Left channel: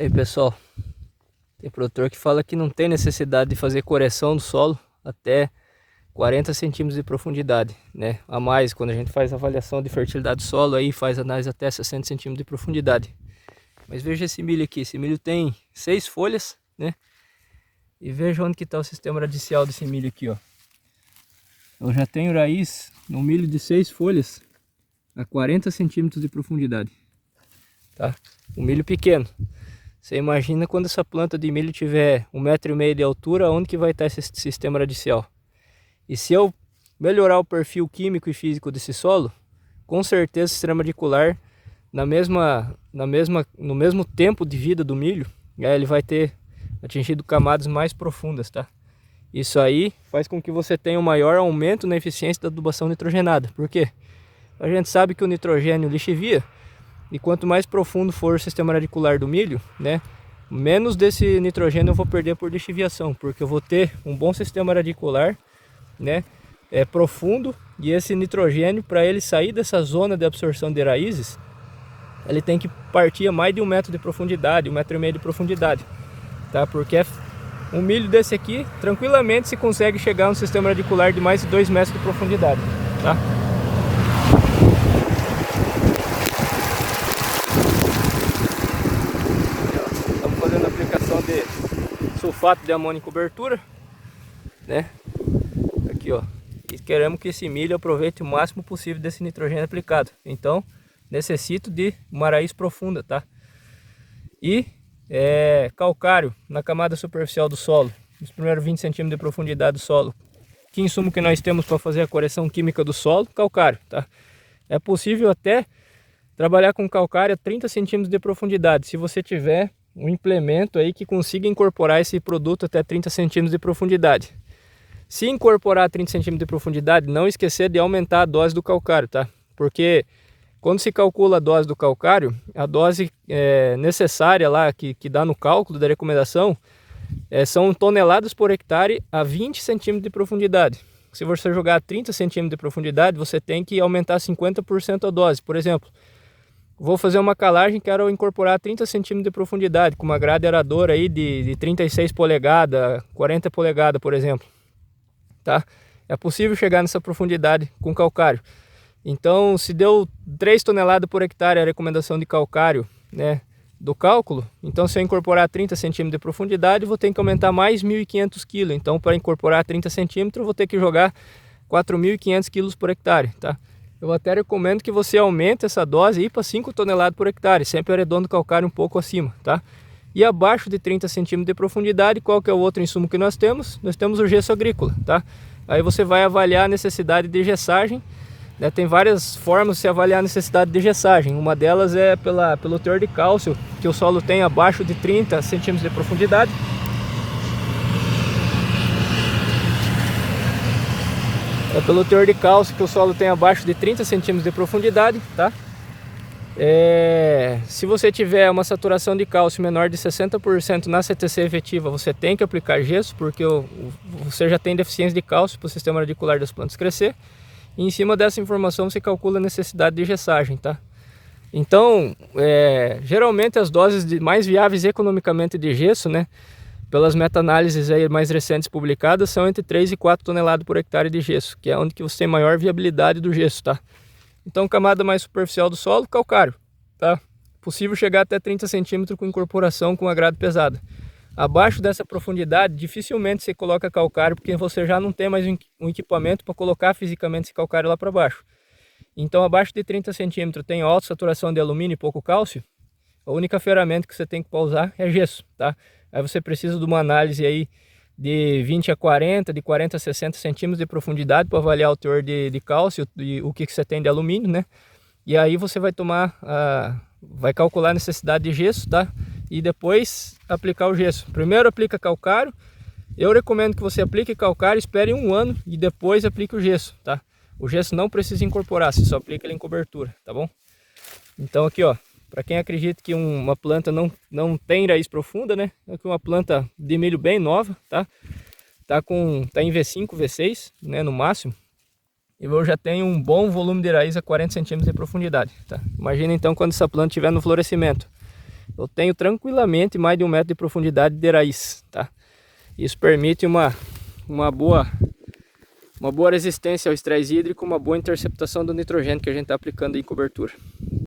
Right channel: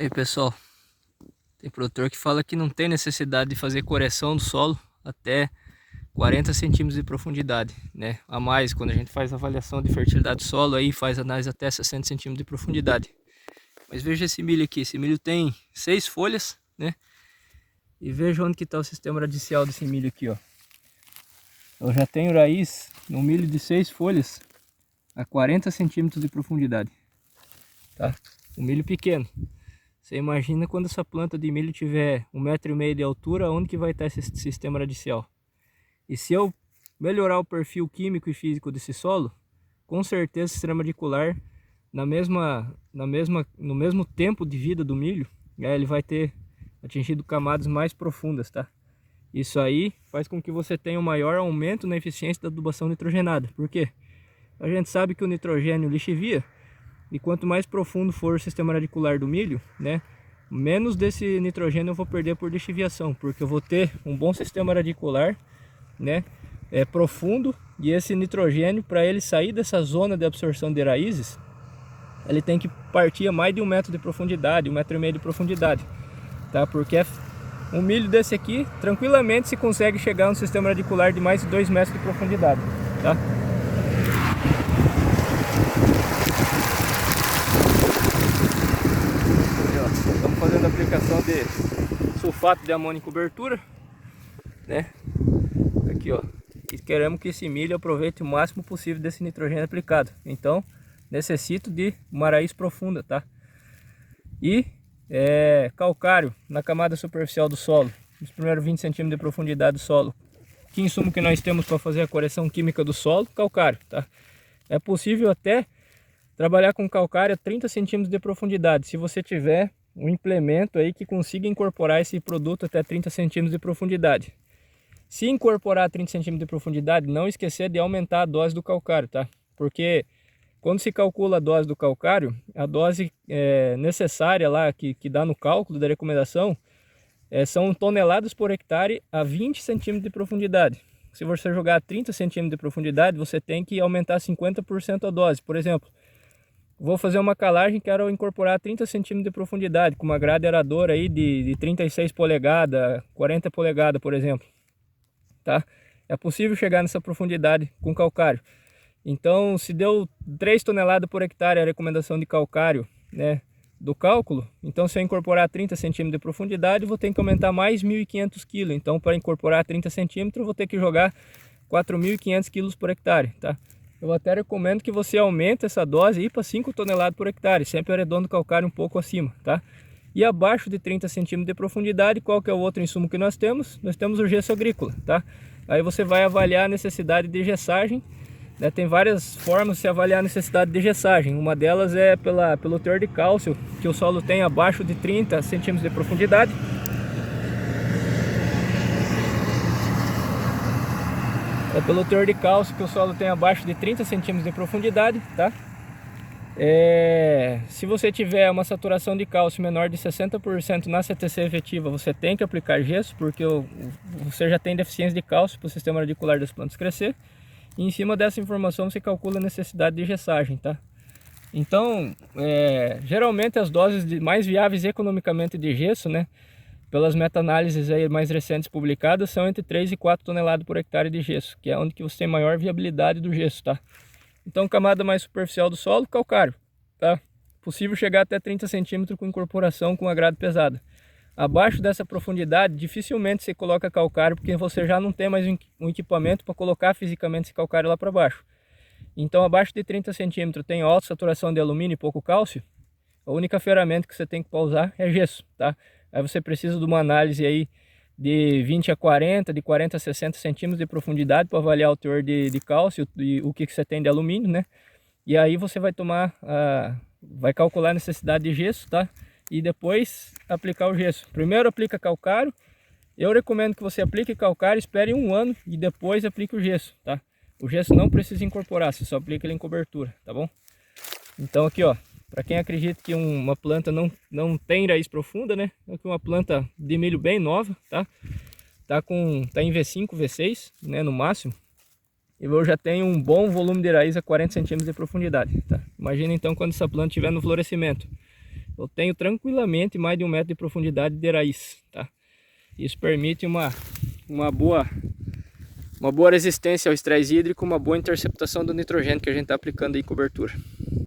Aí pessoal, tem produtor que fala que não tem necessidade de fazer correção do solo até 40 centímetros de profundidade, né? A mais, quando a gente faz avaliação de fertilidade do solo, aí faz análise até 60 centímetros de profundidade. Mas veja esse milho aqui, esse milho tem 6 folhas, né? E veja onde que está o sistema radicial desse milho aqui, ó. Eu já tenho raiz no milho de 6 folhas a 40 centímetros de profundidade, tá? Um milho pequeno. Você imagina quando essa planta de milho tiver 1,5 m de altura, onde que vai estar esse sistema radicial? E se eu melhorar o perfil químico e físico desse solo, com certeza o sistema radicular, no mesmo tempo de vida do milho, ele vai ter atingido camadas mais profundas, tá? Isso aí faz com que você tenha um maior aumento na eficiência da adubação nitrogenada. Por quê? A gente sabe que o nitrogênio lixivia, e quanto mais profundo for o sistema radicular do milho, né, menos desse nitrogênio eu vou perder por lixiviação, porque eu vou ter um bom sistema radicular, né, profundo, e esse nitrogênio, para ele sair dessa zona de absorção de raízes, ele tem que partir a mais de 1 m de profundidade, 1,5 m de profundidade, tá? Porque um milho desse aqui, tranquilamente se consegue chegar a um sistema radicular de mais de 2 metros de profundidade, tá? Estamos fazendo a aplicação de sulfato de amônio em cobertura, né? Aqui, ó. E queremos que esse milho aproveite o máximo possível desse nitrogênio aplicado. Então, necessito de uma raiz profunda, tá? E calcário na camada superficial do solo, nos primeiros 20 centímetros de profundidade do solo. Que insumo que nós temos para fazer a correção química do solo? Calcário, tá? É possível até trabalhar com calcário a 30 centímetros de profundidade, se você tiver um implemento aí que consiga incorporar esse produto até 30 centímetros de profundidade. Se incorporar a 30 centímetros de profundidade, não esquecer de aumentar a dose do calcário, tá? Porque quando se calcula a dose do calcário, a dose necessária lá que dá no cálculo da recomendação são toneladas por hectare a 20 centímetros de profundidade. Se você jogar a 30 centímetros de profundidade, você tem que aumentar 50% a dose. Por exemplo, vou fazer uma calagem, quero incorporar 30 centímetros de profundidade, com uma grade aradora aí de 36 polegadas, 40 polegadas, por exemplo. Tá? É possível chegar nessa profundidade com calcário. Então, se deu 3 toneladas por hectare a recomendação de calcário, né, do cálculo, então se eu incorporar 30 centímetros de profundidade, vou ter que aumentar mais 1.500 kg. Então, para incorporar 30 centímetros, eu vou ter que jogar 4.500 kg por hectare, tá? Eu até recomendo que você aumente essa dose para 5 toneladas por hectare, sempre arredondando o calcário um pouco acima, tá? E abaixo de 30 centímetros de profundidade, qual que é o outro insumo que nós temos? Nós temos o gesso agrícola, tá? Aí você vai avaliar a necessidade de gessagem, né? Tem várias formas de se avaliar a necessidade de gessagem. Uma delas é pelo teor de cálcio que o solo tem abaixo de 30 centímetros de profundidade. É pelo teor de cálcio que o solo tem abaixo de 30 centímetros de profundidade, tá? Se você tiver uma saturação de cálcio menor de 60% na CTC efetiva, você tem que aplicar gesso, porque você já tem deficiência de cálcio para o sistema radicular das plantas crescer. E em cima dessa informação você calcula a necessidade de gessagem, tá? Então, geralmente as doses mais viáveis economicamente de gesso, né, pelas meta-análises aí mais recentes publicadas, são entre 3 e 4 toneladas por hectare de gesso, que é onde que você tem maior viabilidade do gesso, tá? Então, camada mais superficial do solo, calcário, tá? Possível chegar até 30 centímetros com incorporação com uma grade pesada. Abaixo dessa profundidade, dificilmente você coloca calcário, porque você já não tem mais um equipamento para colocar fisicamente esse calcário lá para baixo. Então, abaixo de 30 centímetros tem alta saturação de alumínio e pouco cálcio. A única ferramenta que você tem que usar é gesso, tá? Aí você precisa de uma análise aí de 20 a 40, de 40 a 60 centímetros de profundidade para avaliar o teor de cálcio e o que você tem de alumínio, né? E aí você vai vai calcular a necessidade de gesso, tá? E depois aplicar o gesso. Primeiro aplica calcário. Eu recomendo que você aplique calcário, espere 1 ano e depois aplique o gesso, tá? O gesso não precisa incorporar, você só aplica ele em cobertura, tá bom? Então aqui, ó, para quem acredita que uma planta não tem raiz profunda, né? Aqui uma planta de milho bem nova, tá? Tá em V5, V6, né, no máximo. E eu já tenho um bom volume de raiz a 40 centímetros de profundidade, tá? Imagina então quando essa planta estiver no florescimento. eu tenho tranquilamente mais de 1 metro de profundidade de raiz, tá? Isso permite uma boa resistência ao estresse hídrico, uma boa interceptação do nitrogênio que a gente está aplicando em cobertura.